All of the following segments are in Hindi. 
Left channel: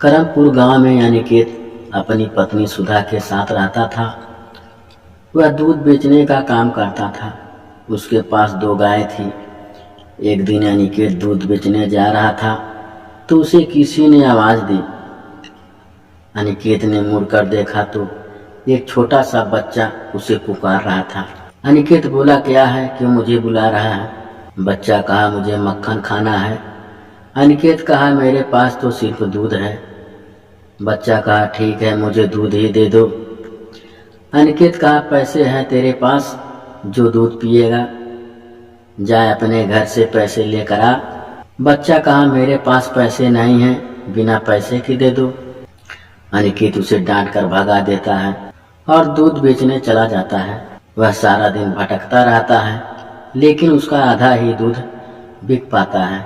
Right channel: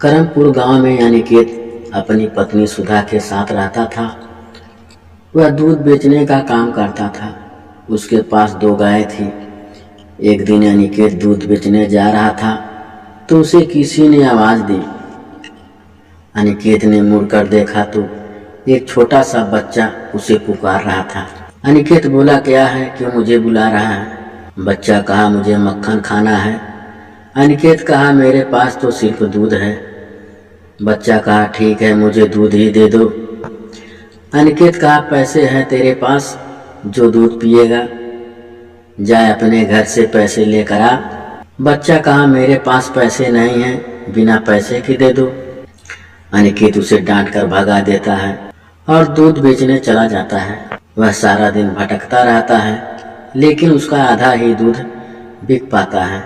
करमपुर गांव में अनिकेत अपनी पत्नी सुधा के साथ रहता था। वह दूध बेचने का काम करता था। उसके पास 2 गायें थी। एक दिन अनिकेत दूध बेचने जा रहा था तो उसे किसी ने आवाज़ दी। अनिकेत ने मुड़कर देखा तो एक छोटा सा बच्चा उसे पुकार रहा था। अनिकेत बोला, क्या है, क्यों मुझे बुला रहा है? बच्चा कहा, मुझे मक्खन खाना है। अनिकेत कहा, मेरे पास तो सिर्फ दूध है। बच्चा कहा, ठीक है, मुझे दूध ही दे दो। अनिकेत कहा, पैसे हैं तेरे पास जो दूध पिएगा? जा अपने घर से पैसे लेकर आ। बच्चा कहा, मेरे पास पैसे नहीं हैं, बिना पैसे के दे दो। अनिकेत उसे डांट कर भगा देता है और दूध बेचने चला जाता है। वह सारा दिन भटकता रहता है लेकिन उसका आधा ही दूध बिक पाता है।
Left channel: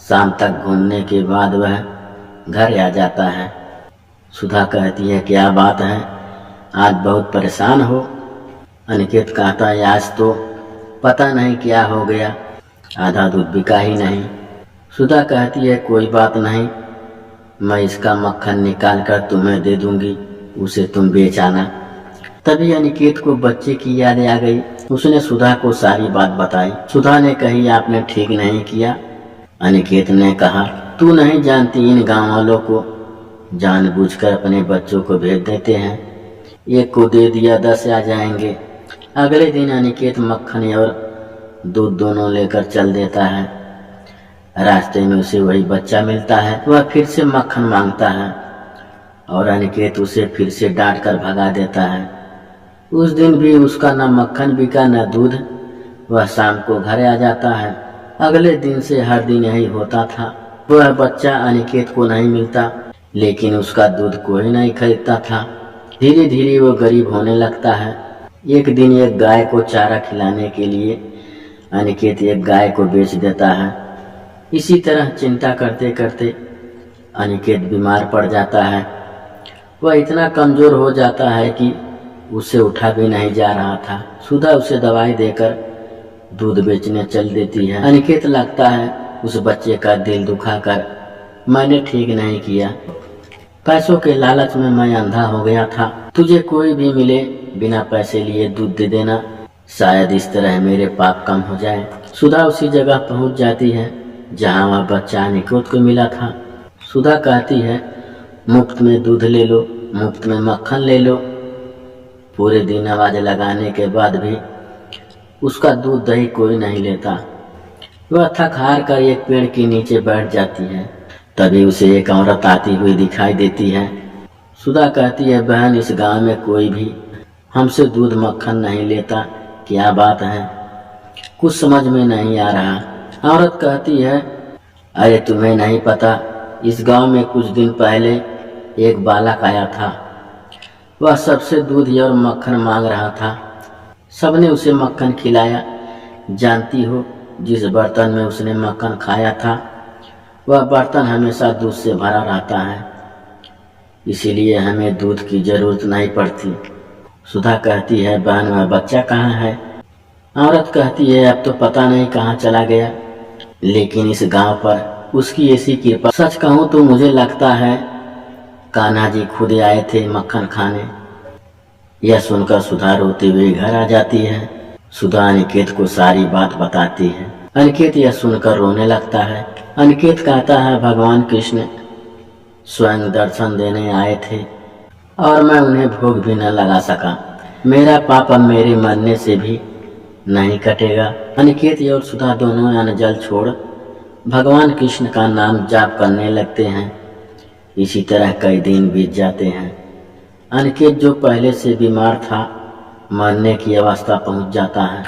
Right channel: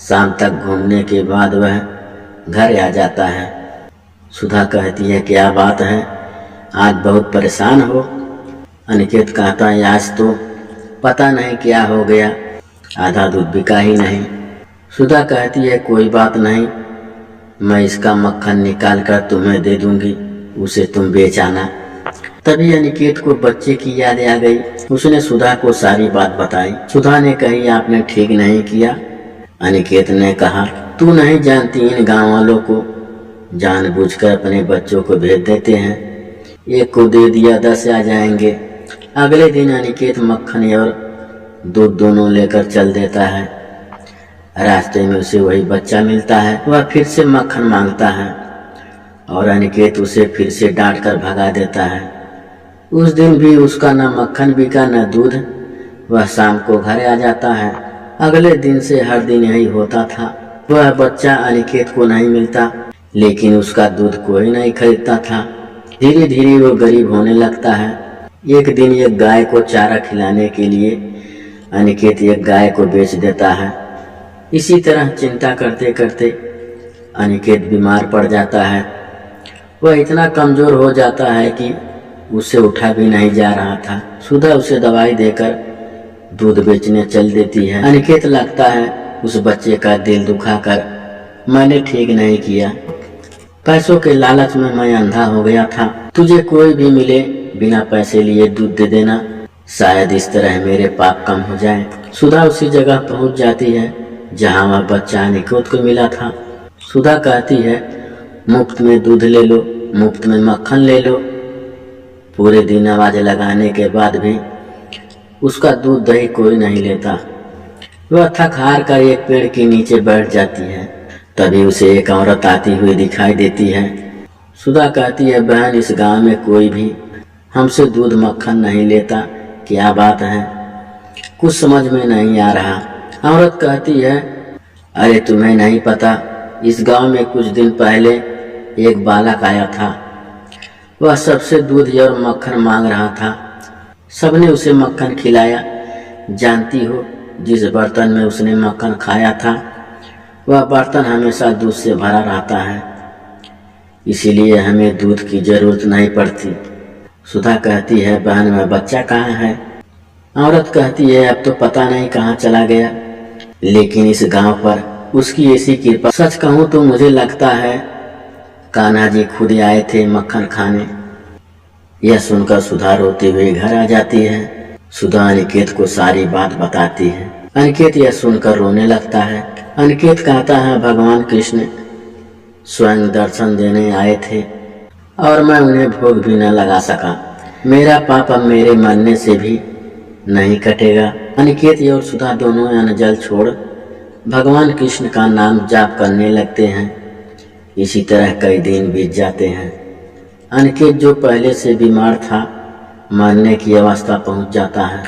शाम तक घूमने के बाद वह घर आ जाता है। सुधा कहती है, क्या बात है, आज बहुत परेशान हो? अनिकेत कहता है, आज तो पता नहीं क्या हो गया, आधा दूध बिका ही नहीं। सुधा कहती है, कोई बात नहीं, मैं इसका मक्खन निकाल कर तुम्हें दे दूंगी, उसे तुम बेच आना। तभी अनिकेत को बच्चे की याद आ गई। उसने सुधा को सारी बात बताई। सुधा ने कही, आपने ठीक नहीं किया। अनिकेत ने कहा, तू नहीं जानती, इन गाँव वालों को जानबूझकर अपने बच्चों को भेज देते हैं। एक को दे दिया 10 आ जाएंगे। अगले दिन अनिकेत मक्खन और दूध दोनों लेकर चल देता है। रास्ते में उसे वही बच्चा मिलता है। वह फिर से मक्खन मांगता है और अनिकेत उसे फिर से डांट कर भगा देता है। उस दिन भी उसका न मक्खन बिका न दूध। वह शाम को घर आ जाता है। अगले दिन से हर दिन यही होता था। वह बच्चा अनिकेत को नहीं मिलता लेकिन उसका दूध कोई नहीं खरीदता था। धीरे धीरे वो गरीब होने लगता है। एक दिन एक गाय को चारा खिलाने के लिए अनिकेत एक गाय को बेच देता है। इसी तरह चिंता करते करते अनिकेत बीमार पड़ जाता है। वह इतना कमज़ोर हो जाता है कि उससे उठा भी नहीं जा रहा था। सुधा उसे दवाई देकर दूध बेचने चल देती है। अनिकेत लगता है उस बच्चे का दिल दुखाकर मैंने ठीक नहीं किया। पैसों के लालच में मैं अंधा हो गया था। तुझे कोई भी मिले बिना पैसे लिए दूध दे देना, शायद इस तरह मेरे पाप कम हो जाए। सुधा उसी जगह पहुंच जाती है जहां वह बच्चा अनिकेत को मिला था। सुधा कहती है, मुफ्त में दूध ले लो, मुफ्त में मक्खन ले लो। पूरे दिन आवाज़ लगाने के बाद भी उसका दूध दही कोई नहीं लेता। वह थक हार कर एक पेड़ के नीचे बैठ जाती है। तभी उसे एक औरत आती हुई दिखाई देती है। सुधा कहती है, बहन, इस गांव में कोई भी हमसे दूध मक्खन नहीं लेता, क्या बात है? कुछ समझ में नहीं आ रहा। औरत कहती है, अरे तुम्हें नहीं पता, इस गांव में कुछ दिन पहले एक बालक आया था। वह सबसे दूध और मक्खन मांग रहा था। सबने उसे मक्खन खिलाया। जानती हो, जिस बर्तन में उसने मक्खन खाया था वह बर्तन हमेशा दूध से भरा रहता है, इसीलिए हमें दूध की ज़रूरत नहीं पड़ती। सुधा कहती है, बहन, वह बच्चा कहाँ है? औरत कहती है, अब तो पता नहीं कहाँ चला गया, लेकिन इस गांव पर उसकी ऐसी कृपा, सच कहूँ तो मुझे लगता है कान्हा जी खुद आए थे मक्खन खाने। यह सुनकर सुधा रोते हुए घर आ जाती है। सुधा अनिकेत को सारी बात बताती है। अनिकेत यह सुनकर रोने लगता है। अनिकेत कहता है, भगवान कृष्ण स्वयं दर्शन देने आए थे और मैं उन्हें भोग भी न लगा सका। मेरा पाप अब मेरे मरने से भी नहीं कटेगा। अनिकेत और सुधा दोनों अन्न जल छोड़ भगवान कृष्ण का नाम जाप करने लगते हैं। इसी तरह कई दिन बीत जाते हैं। अनिकेत, जो पहले से बीमार था, मरने की अवस्था पहुंच जाता है।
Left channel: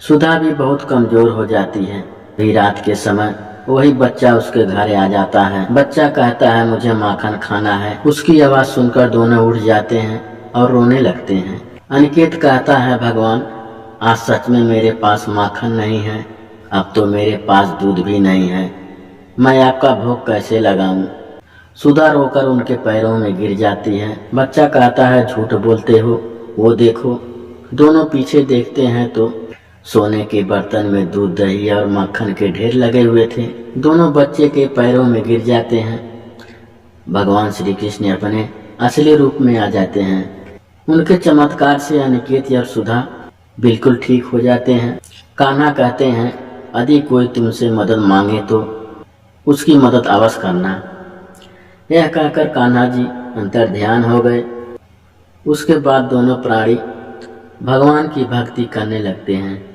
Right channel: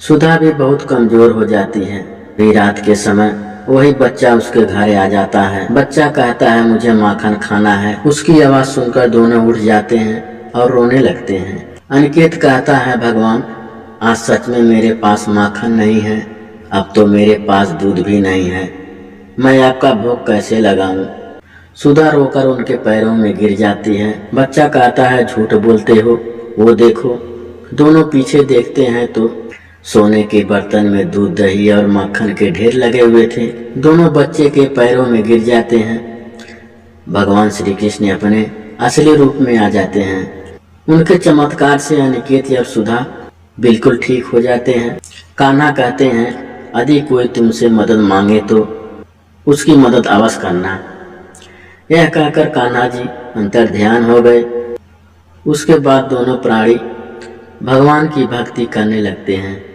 सुधा भी बहुत कमज़ोर हो जाती है। भी रात के समय वही बच्चा उसके घर आ जाता है। बच्चा कहता है, मुझे माखन खाना है। उसकी आवाज़ सुनकर दोनों उठ जाते हैं और रोने लगते हैं। अनिकेत कहता है, भगवान, आज सच में मेरे पास माखन नहीं है, अब तो मेरे पास दूध भी नहीं है, मैं आपका भोग कैसे लगाऊं? सुधा रोकर उनके पैरों में गिर जाती है। बच्चा कहता है, झूठ बोलते हो, वो देखो। दोनों पीछे देखते हैं तो सोने के बर्तन में दूध, दही और मक्खन के ढेर लगे हुए थे। दोनों बच्चे के पैरों में गिर जाते हैं। भगवान श्री कृष्ण अपने असली रूप में आ जाते हैं। उनके चमत्कार से अनिकेत और सुधा बिल्कुल ठीक हो जाते हैं। कान्हा कहते हैं, यदि कोई तुमसे मदद मांगे तो उसकी मदद अवश्य करना। यह कहकर कान्हा जी अंतर ध्यान हो गए। उसके बाद दोनों प्राणी भगवान की भक्ति करने लगते हैं।